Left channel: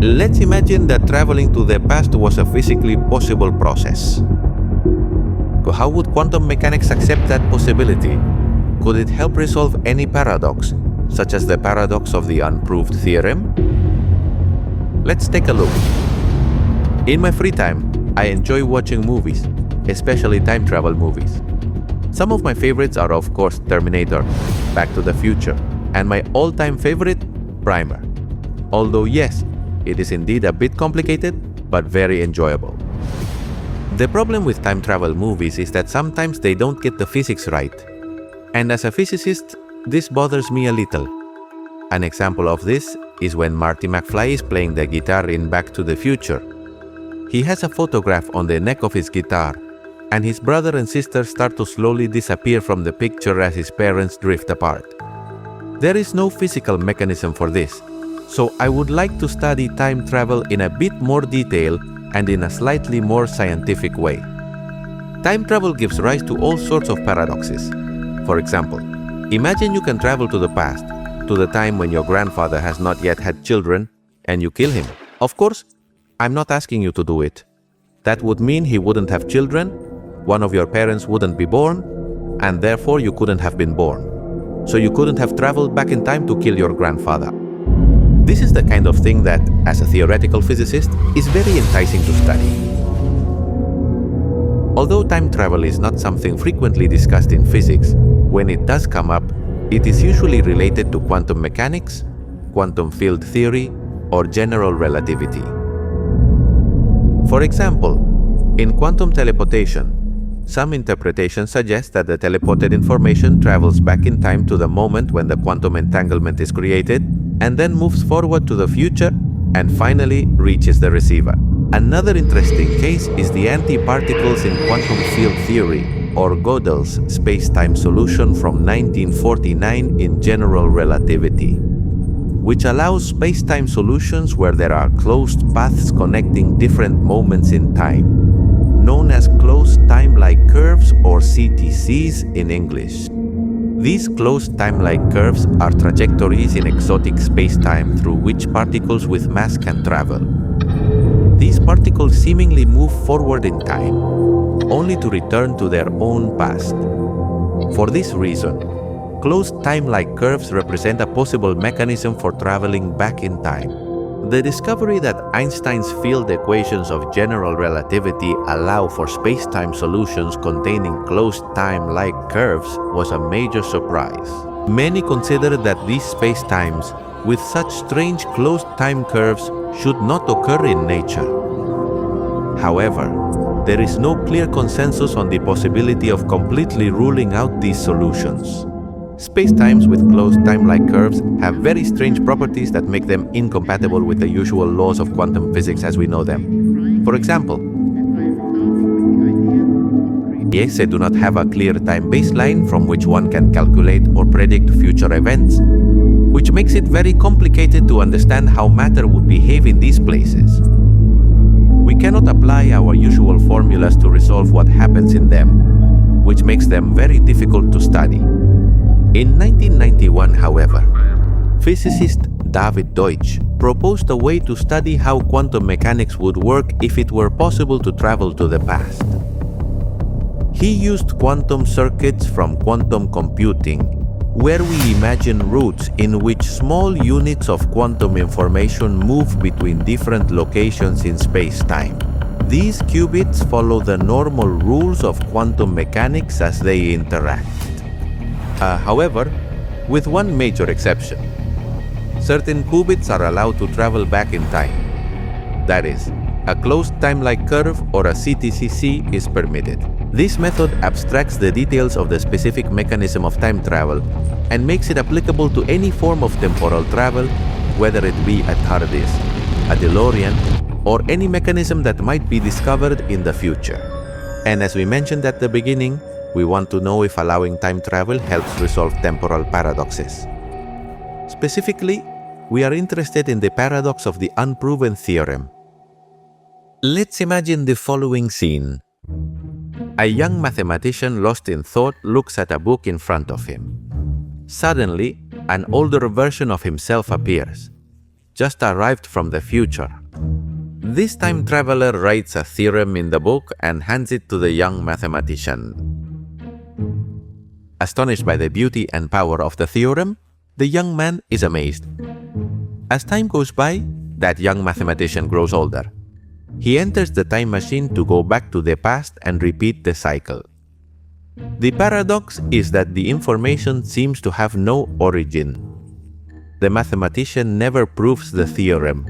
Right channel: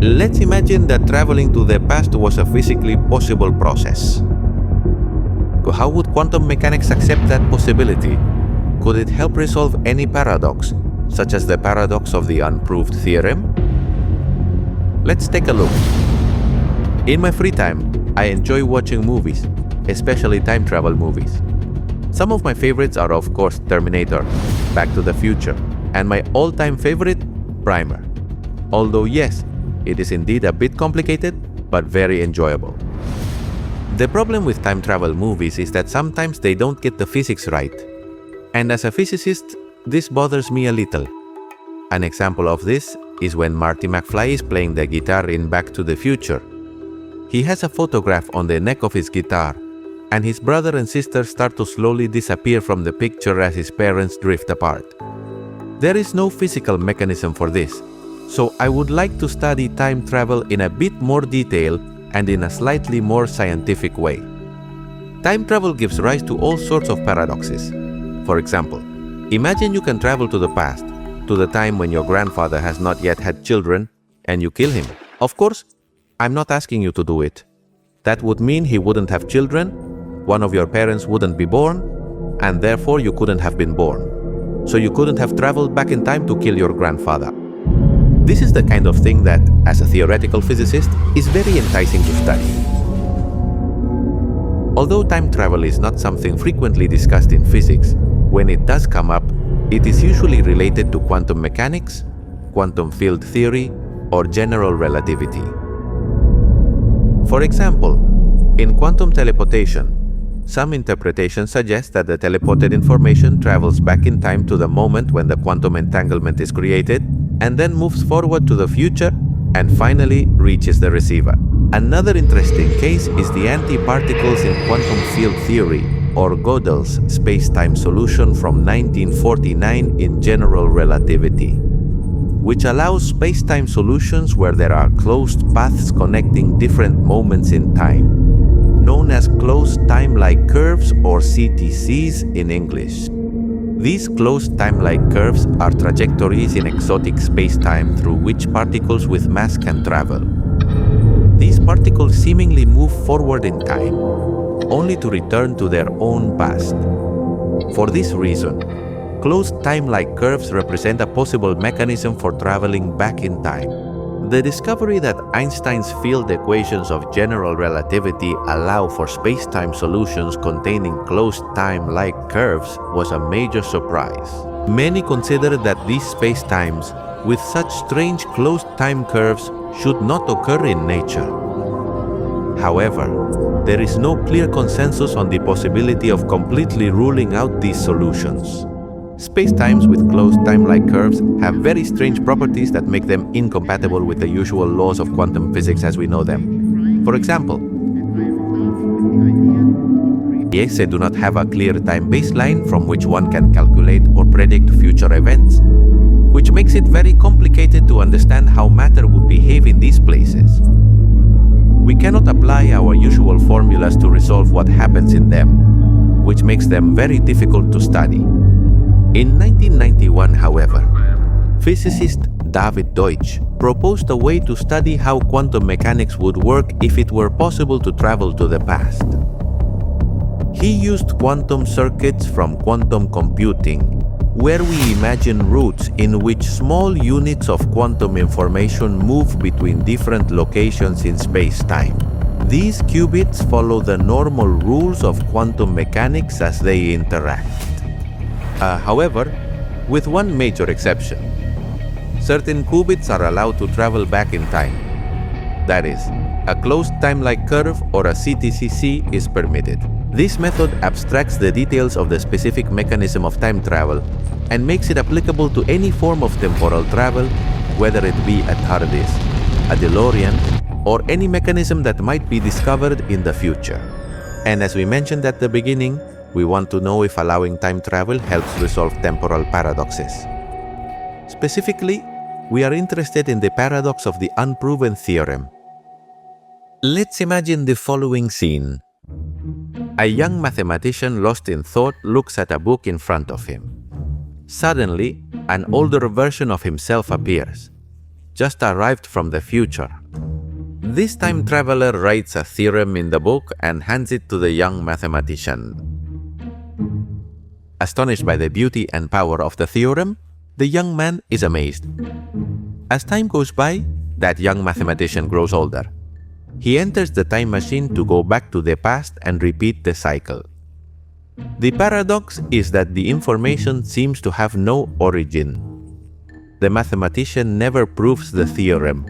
Let's imagine that traveling to the past was a physically possible process. How would quantum mechanics accept that possibility? Could it help resolve any paradox, such as the paradox of the unproved theorem? Let's take a look. In my free time, I enjoy watching movies, especially time travel movies. Some of my favorites are of course Terminator, Back to the Future, and my all-time favorite, Primer. Although yes, it is indeed a bit complicated, but very enjoyable. The problem with time travel movies is that sometimes they don't get the physics right. And as a physicist, this bothers me a little. An example of this is when Marty McFly is playing the guitar in Back to the Future. He has a photograph on the neck of his guitar, and his brother and sister start to slowly disappear from the picture as his parents drift apart. There is no physical mechanism for this, so I would like to study time travel in a bit more detail and in a slightly more scientific way. Time travel gives rise to all sorts of paradoxes. For example, imagine you can travel to the past, to the time when your grandfather has not yet had children, and you kill him. Of course, I'm not asking you to do it. That would mean he wouldn't have children, one of your parents wouldn't be born, and therefore you couldn't have been born. So you couldn't have traveled back in time to kill your grandfather. This is the kind of thing that, as a theoretical physicist, is very enticing to study. Although time travel is not something frequently discussed in physics, when it does come up, it is usually related to quantum mechanics, quantum field theory, or general relativity. For example, in quantum teleportation, some interpretations suggest that the teleported information travels back in time to the moment when the quantum entanglement is created, and then moves forward to the future and finally reaches the receiver. Another interesting case is the antiparticles in quantum field theory, or Gödel's space-time solution from 1949 in general relativity, which allows space-time solutions where there are closed paths connecting different moments in time, known as closed timelike curves or CTCs in English. These closed timelike curves are trajectories in exotic space-time through which particles with mass can travel. These particles seemingly move forward in time, only to return to their own past. For this reason, closed timelike curves represent a possible mechanism for traveling back in time. The discovery that Einstein's field equations of general relativity allow for space-time solutions containing closed time-like curves was a major surprise. Many consider that these space-times, with such strange closed time curves, should not occur in nature. However, there is no clear consensus on the possibility of completely ruling out these solutions. Spacetimes with closed time-like curves have very strange properties that make them incompatible with the usual laws of quantum physics as we know them. For example, they do not have a clear time baseline from which one can calculate or predict future events, which makes it very complicated to understand how matter would behave in these places. We cannot apply our usual formulas to resolve what happens in them, which makes them very difficult to study. In 1991, however, physicist David Deutsch proposed a way to study how quantum mechanics would work if it were possible to travel to the past. He used quantum circuits from quantum computing, where we imagine routes in which small units of quantum information move between different locations in space-time. These qubits follow the normal rules of quantum mechanics as they interact. However, with one major exception. Certain qubits are allowed to travel back in time. That is, a closed timelike curve or a CTCs is permitted. This method abstracts the details of the specific mechanism of time travel and makes it applicable to any form of temporal travel, whether it be a TARDIS, a DeLorean, or any mechanism that might be discovered in the future. And as we mentioned at the beginning, we want to know if allowing time travel helps resolve temporal paradoxes. Specifically, we are interested in the paradox of the unproven theorem. Let's imagine the following scene. A young mathematician lost in thought looks at a book in front of him. Suddenly, an older version of himself appears. just arrived from the future. This time traveler writes a theorem in the book and hands it to the young mathematician. Astonished by the beauty and power of the theorem, the young man is amazed. As time goes by, that young mathematician grows older. He enters the time machine to go back to the past and repeat the cycle. The paradox is that the information seems to have no origin. The mathematician never proves the theorem.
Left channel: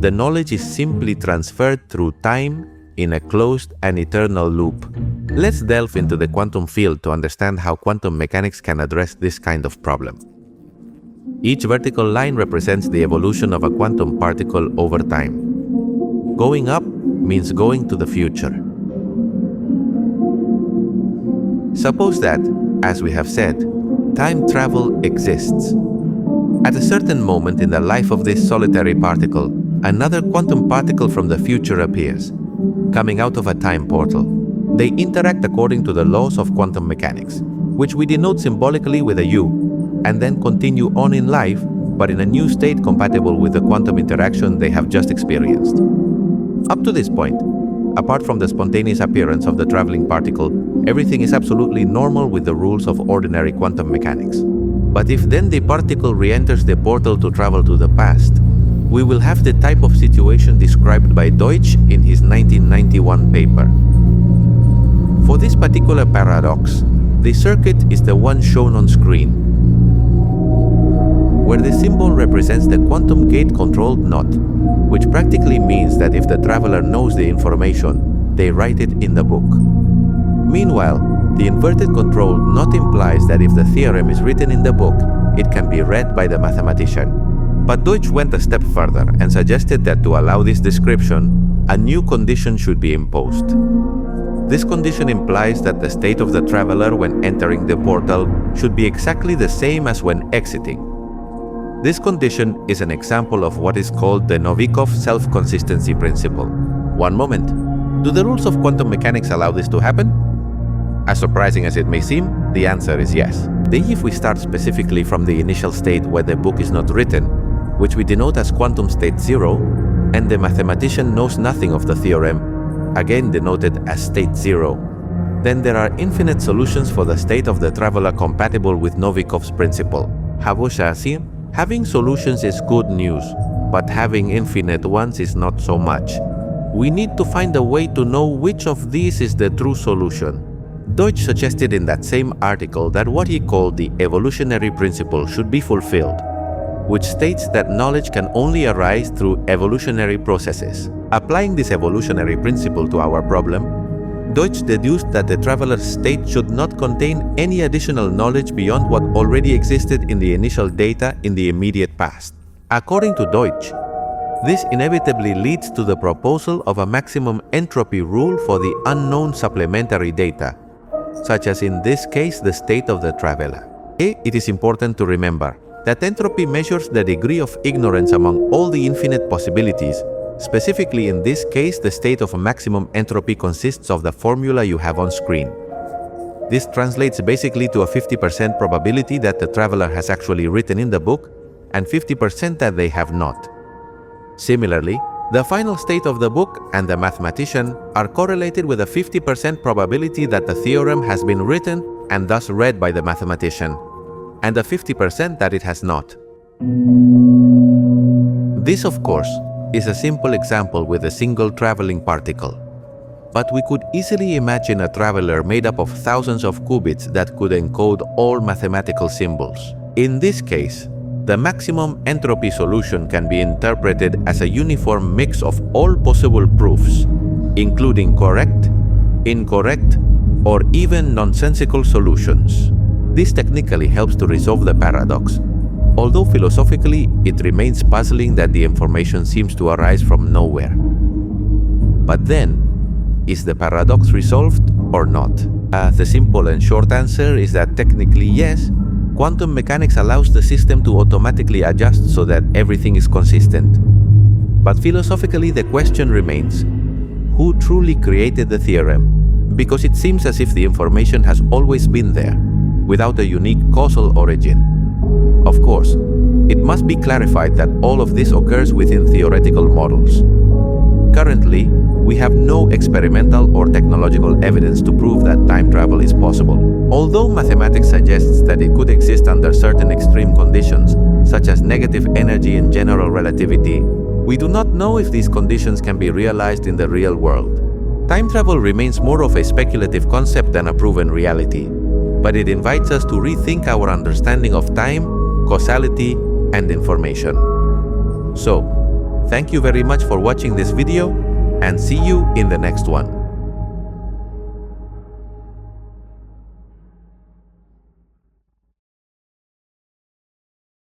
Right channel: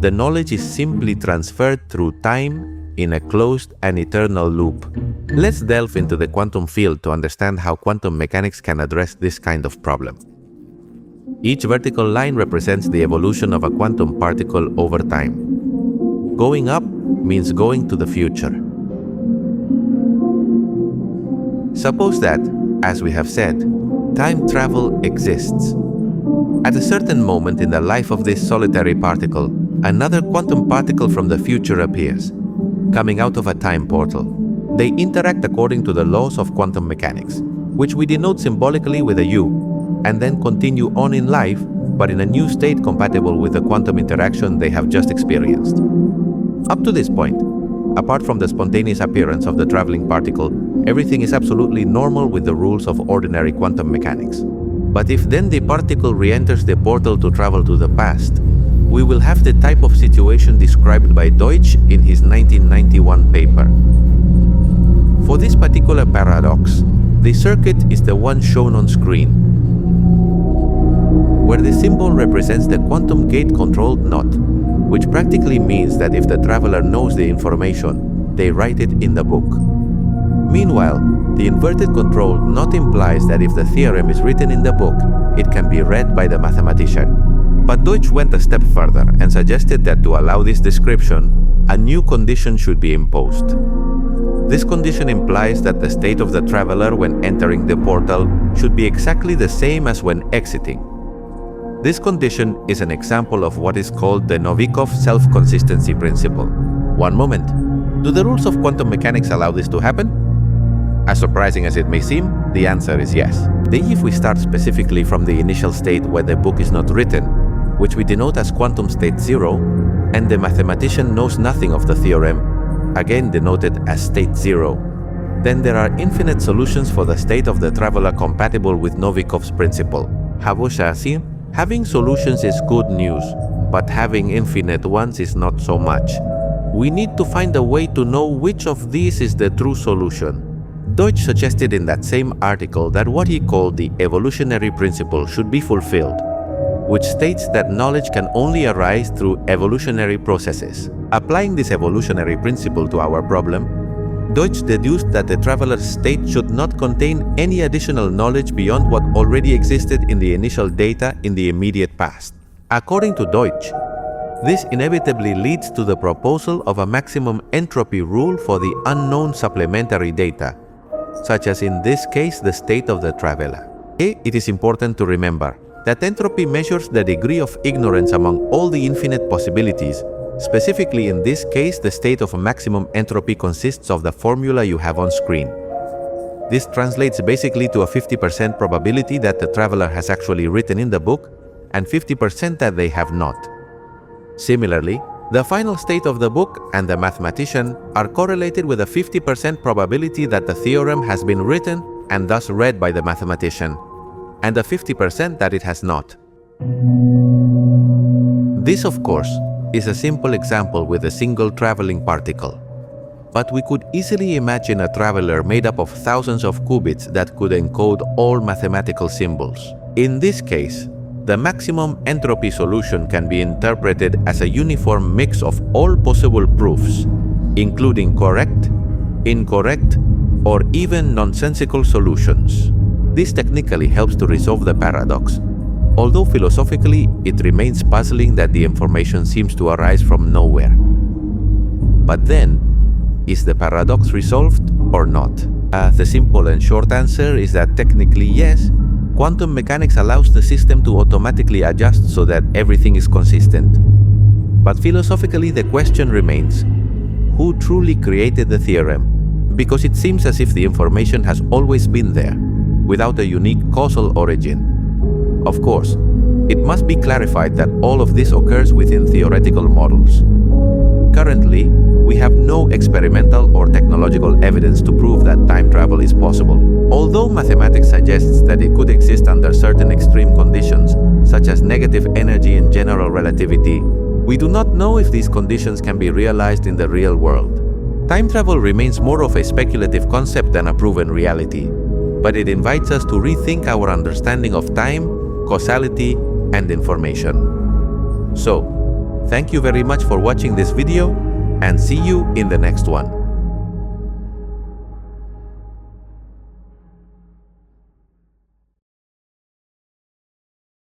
The knowledge is simply transferred through time in a closed and eternal loop. Let's delve into the quantum field to understand how quantum mechanics can address this kind of problem. Each vertical line represents the evolution of a quantum particle over time. Going up means going to the future. Suppose that, as we have said, time travel exists. At a certain moment in the life of this solitary particle, another quantum particle from the future appears, coming out of a time portal. They interact according to the laws of quantum mechanics, which we denote symbolically with a U, and then continue on in life, but in a new state compatible with the quantum interaction they have just experienced. Up to this point, apart from the spontaneous appearance of the traveling particle, everything is absolutely normal with the rules of ordinary quantum mechanics. But if then the particle re-enters the portal to travel to the past, we will have the type of situation described by Deutsch in his 1991 paper. For this particular paradox, the circuit is the one shown on screen, where the symbol represents the quantum gate-controlled knot, which practically means that if the traveler knows the information, they write it in the book. Meanwhile, the inverted controlled knot implies that if the theorem is written in the book, it can be read by the mathematician. But Deutsch went a step further and suggested that to allow this description, a new condition should be imposed. This condition implies that the state of the traveler when entering the portal should be exactly the same as when exiting. This condition is an example of what is called the Novikov self-consistency principle. One moment. Do the rules of quantum mechanics allow this to happen? As surprising as it may seem, the answer is yes. If we start specifically from the initial state where the book is not written, which we denote as quantum state 0, and the mathematician knows nothing of the theorem, again denoted as state 0, then there are infinite solutions for the state of the traveler compatible with Novikov's principle. Having solutions is good news, but having infinite ones is not so much. We need to find a way to know which of these is the true solution. Deutsch suggested in that same article that what he called the evolutionary principle should be fulfilled, which states that knowledge can only arise through evolutionary processes. Applying this evolutionary principle to our problem, Deutsch deduced that the traveler's state should not contain any additional knowledge beyond what already existed in the initial data in the immediate past. According to Deutsch, this inevitably leads to the proposal of a maximum entropy rule for the unknown supplementary data, such as in this case the state of the traveler. It is important to remember that entropy measures the degree of ignorance among all the infinite possibilities. Specifically in this case, the state of maximum entropy consists of the formula you have on screen. This translates basically to a 50% probability that the traveler has actually written in the book and 50% that they have not. Similarly, the final state of the book and the mathematician are correlated with a 50% probability that the theorem has been written and thus read by the mathematician, and a 50% that it has not. This, of course, is a simple example with a single traveling particle. But we could easily imagine a traveler made up of thousands of qubits that could encode all mathematical symbols. In this case, the maximum entropy solution can be interpreted as a uniform mix of all possible proofs, including correct, incorrect, or even nonsensical solutions. This technically helps to resolve the paradox, although philosophically it remains puzzling that the information seems to arise from nowhere. But then, is the paradox resolved or not? The simple and short answer is that technically yes. Quantum mechanics allows the system to automatically adjust so that everything is consistent. But philosophically the question remains, who truly created the theorem? Because it seems as if the information has always been there, without a unique causal origin. Of course, It must be clarified that all of this occurs within theoretical models. Currently, we have no experimental or technological evidence to prove that time travel is possible. Although mathematics suggests that it could exist under certain extreme conditions, such as negative energy and general relativity, we do not know if these conditions can be realized in the real world. Time travel remains more of a speculative concept than a proven reality, but it invites us to rethink our understanding of time, causality, and information. So, thank you very much for watching this video, and see you in the next one.